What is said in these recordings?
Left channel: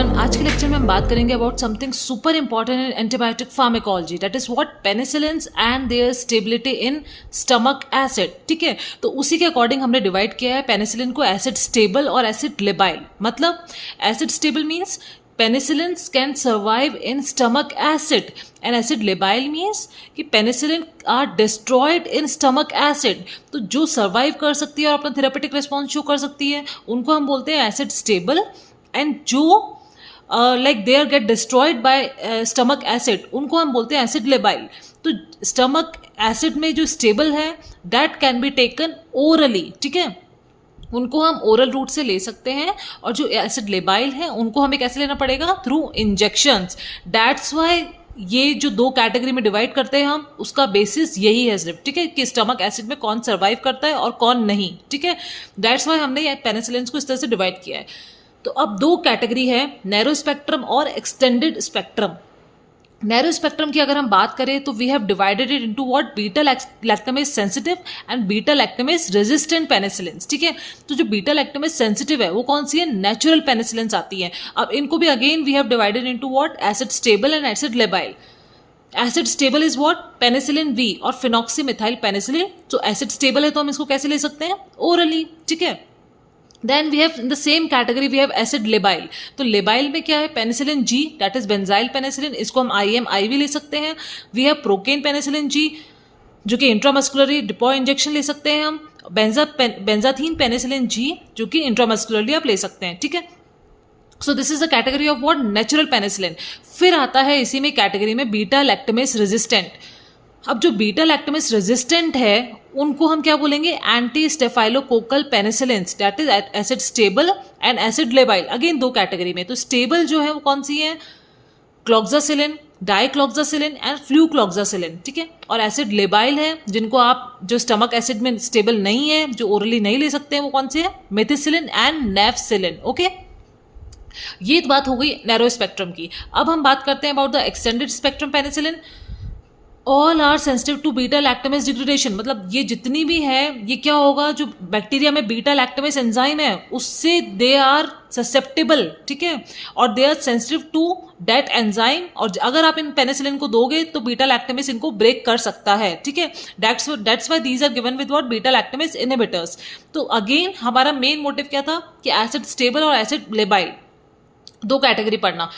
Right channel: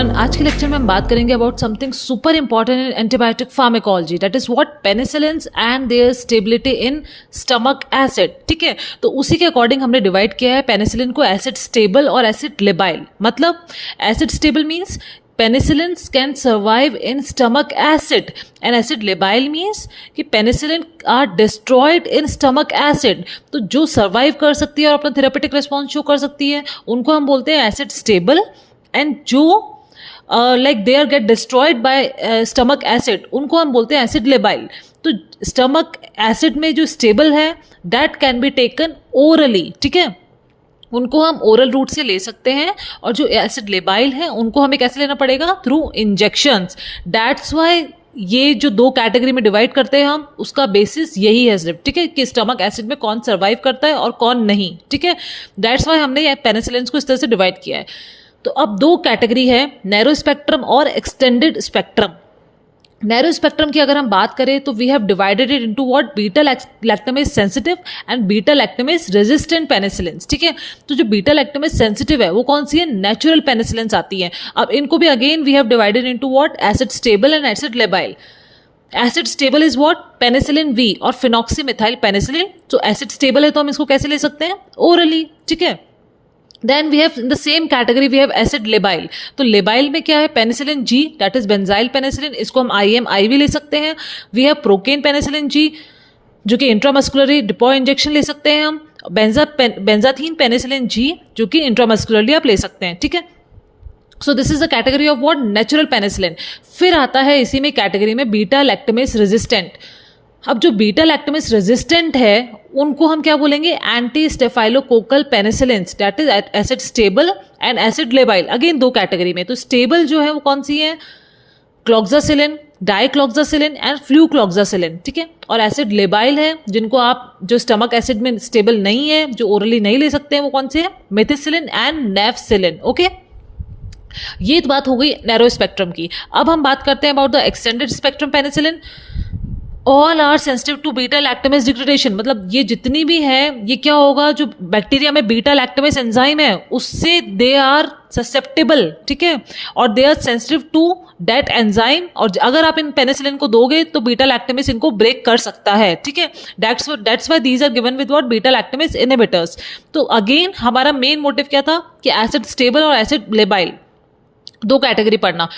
Everyone, आज के lecture में हम बात करेंगे about something super important in antibiotic pharmacology, that is what penicillins and there stability in stomach acid. ठीक है, तो उसी के अकॉर्डिंग हमने डिवाइड किया है पेनिसिलिन को एसिड स्टेबल और एसिड लेबाइल. मतलब acid stable means penicillins can survive in stomach acid and acid labile means कि penicillin are destroyed in stomach acid. तो जो survive कर सकती है और अपना therapeutic response शो कर सकती है उनको हम बोलते हैं acid stable, and जो like they are get destroyed by stomach acid उनको हम बोलते हैं acid labile. तो stomach acid में जो stable है that can be taken orally. ठीक है, उनको हम ओरल रूट से ले सकते हैं, और जो एसिड लेबाइल है उनको हमें कैसे लेना पड़ेगा? Through injections. दैट्स वाई ये जो दो कैटेगरी में डिवाइड करते हैं हम, उसका बेसिस यही है सिर्फ. ठीक है, कि स्टमक एसिड में कौन सर्वाइव करता है और कौन नहीं. ठीक है, दैट्स वाई हमने ये पेनिसिलिन्स को इस तरह से डिवाइड किया है. तो अब दो कैटेगरी है, नैरो स्पेक्ट्रम और एक्सटेंडेड स्पेक्ट्रम. नैरो स्पेक्ट्रम की अगर हम बात करें तो we have divided it into what beta lactamase sensitive and beta lactamase resistant penicillins. ठीक है, तो जो बीटा लैक्टमेज सेंसिटिव है वो कौन सी है? नेचुरल पेनिसिलिन्स आती हैं. अब इनको भी again we have divided into what? Acid stable and acid labile. Acid stable is what? Penicillin V और फिनॉक्सीमिथाइल पेनिसिलिन. तो एसिड स्टेबल है तो हम इसको कैसे ले सकते हैं? ओरली. ठीक है, then we have in the same category we have acid labile. तो लेबाइल में क्या है? Penicillin G, that is benzyl penicillin. इसको हम IM-IV ले सकते हैं. We have procaine penicillin G, जो कि इंट्रामस्कुलरी डिपो इंजेक्शन ले सकते हैं हम. बेंजाथीन पेनिसिलिन जी, जो कि इंट्रामस्कुलरली आप ले सकते हैं. ठीक है, so this is the category of what? Natural penicillin. फिर आता है इसी में कैटेगरी में बीटा लैक्टमेज रेजिस्टेंट. अब जो बीटा लैक्टमेज रेजिस्टेंट है उनको हम क्या बोलेंगे? Anti staphylococcal penicillins, that is acid stable and acid labile. Again दो कैटेगरी में. तो स्टेबल जो है वो कौन सी है? Cloxacillin, dicloxacillin and flucloxacillin. ठीक है, और एसिड लेबाइल है जिनको आप जो स्टमक एसिड में स्टेबल नहीं है, जो ओरली नहीं ले सकते हैं, वो कौन से है? Methicillin and नेफसिलिन. ओके, ये बात हो गई नैरो स्पेक्ट्रम की. अब हम बात करते हैं about the extended spectrum penicillin. All are sensitive to beta lactamase degradation. मतलब ये जितनी भी है, ये क्या होगा? जो बैक्टीरिया में बीटा लैक्टमेज एंजाइम है उससे दे आर ससेप्टेबल. ठीक है, और they are sensitive to that enzyme, और अगर आप इन पेनिसिलिन को दोगे तो बीटा लैक्टमेज इनको ब्रेक कर सकता है. ठीक है, that's why these are given with what? Beta lactamase inhibitors. तो अगेन हमारा मेन मोटिव क्या था? कि एसिड स्टेबल और एसिड लेबाइल दो कैटेगरी पढ़ना.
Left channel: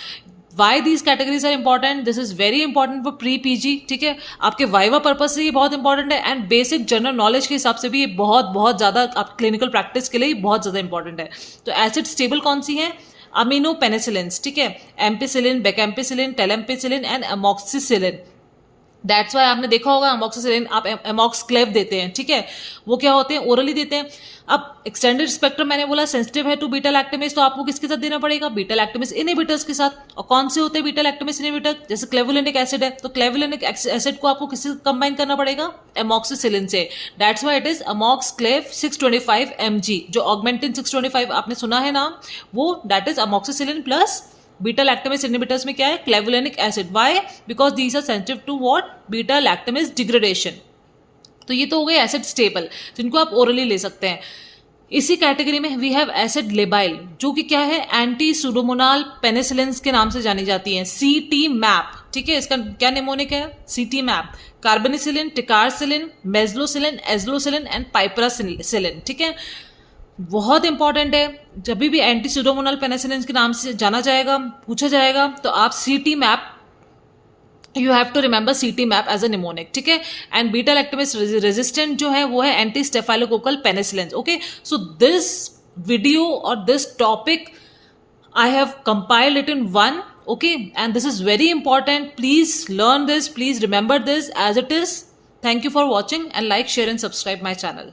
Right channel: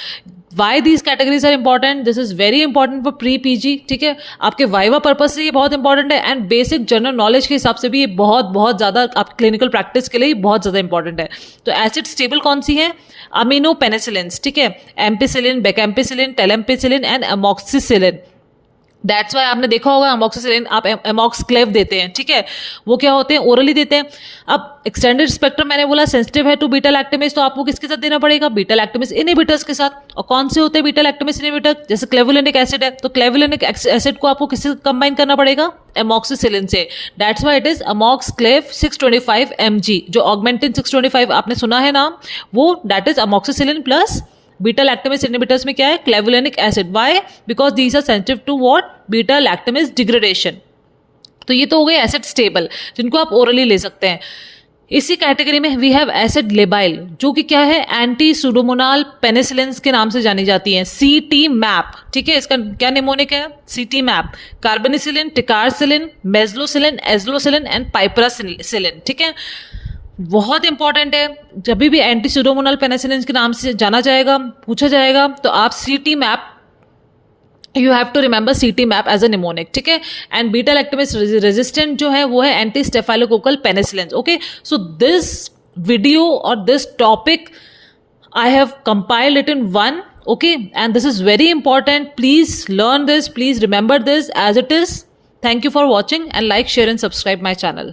Why these categories are important? This is very important for pre PG. ठीक है, आपके वाइवा पर्पज से ये बहुत इंपॉर्टेंट है, एंड बेसिक जनरल नॉलेज के हिसाब से भी ये बहुत ज़्यादा आप क्लिनिकल प्रैक्टिस के लिए बहुत ज़्यादा इंपॉर्टेंट है. तो एसिड स्टेबल कौन सी है? Amino penicillins. ठीक है, ampicillin, bacampicillin, talampicillin and amoxicillin. That's why आपने देखा होगा अमॉक्सिसिलिन आप अमॉक्सक्लेव देते हैं. ठीक है, वो क्या होते हैं? ओरली देते हैं. अब एक्सटेंडेड स्पेक्ट्रम मैंने बोला सेंसिटिव है टू बीटा लैक्टमेज, तो आपको किसके साथ देना पड़ेगा? बीटा लैक्टमेज इनहिबिटर्स के साथ. और कौन से होते हैं बीटा लैक्टमेज इनहिबिटर? जैसे क्लेवुलिनिक एसिड है, तो क्लेवुलिनिक एसिड को आपको किससे कंबाइन करना पड़ेगा? अमॉक्सिसिलिन से. That's why it is Amoxclav 625 mg. जो ऑगमेंटिन 625 आपने सुना है नाम, वो that is amoxicillin plus beta lactamase inhibitors में क्या है? Clavulanic acid. Why? Because these are sensitive to what? Beta lactamase degradation. तो ये तो हो गए एसिड स्टेबल जिनको आप ओरली ले सकते हैं. इसी कैटेगरी में वी हैव एसिड लेबाइल, जो कि क्या है? एंटी सुडोमोनाल पेनिसिलिन्स के नाम से जानी जाती हैं. CT-MAP. ठीक है, इसका क्या निमोनिक है? CT-MAP. Carbenicillin, ticarcillin, mezlocillin, azlocillin and piperacillin. ठीक है, बहुत इंपॉर्टेंट है. जब भी एंटी सुडोमोनाल पेनिसिलिन के नाम से जाना जाएगा, पूछा जाएगा, तो आप CT-MAP, you have to remember CT-MAP as a mnemonic. ठीक है, एंड बीटा लैक्टमेज रेजिस्टेंट जो है वो है anti staphylococcal penicillin. Okay, so this video और this topic I have compiled it in one. Okay, and this is very important. Please learn this, please remember this as it is. Thank you for watching, and like, share and subscribe my channel.